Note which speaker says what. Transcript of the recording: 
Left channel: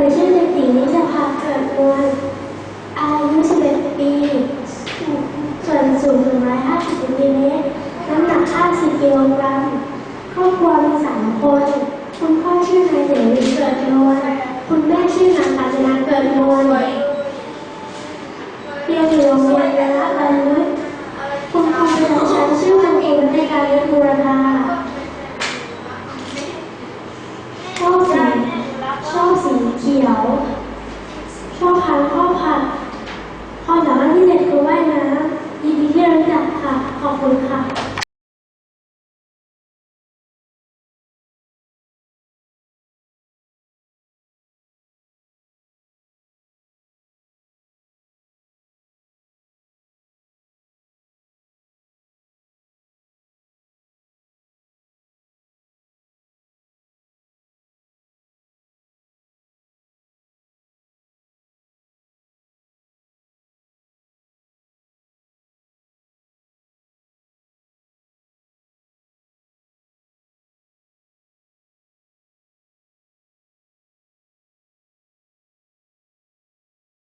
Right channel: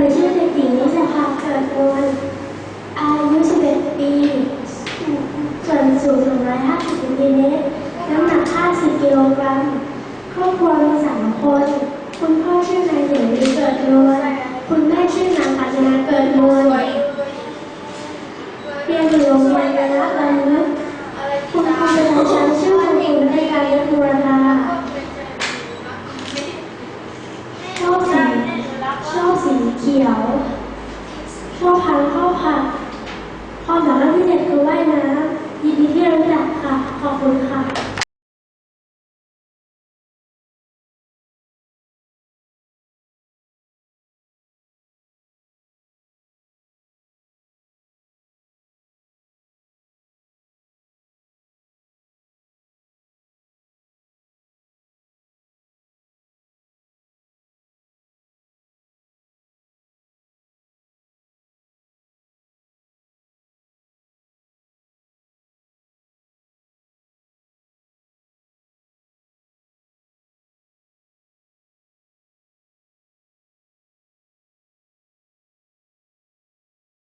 Speaker 1: นูชื่อเด็กหญิงนิชภาเกิดนวลอายุ 11 ปี ส่วนสูง 150เซนติเมตร น้ำหนัก 50กิโลกรัม ครอบครัวมีสามคน คุณพ่อชื่อนายเสรีเกิดนวลคุณแม่ชื่อนางกาญจนาเกิดนวลเรียนอยู่โรงเรียนระละบรรลุคุณครูประจำชั้นชื่อคุณครูในการยศบูรพาชอบสีชอบสี เขียว ชอบทานข้าว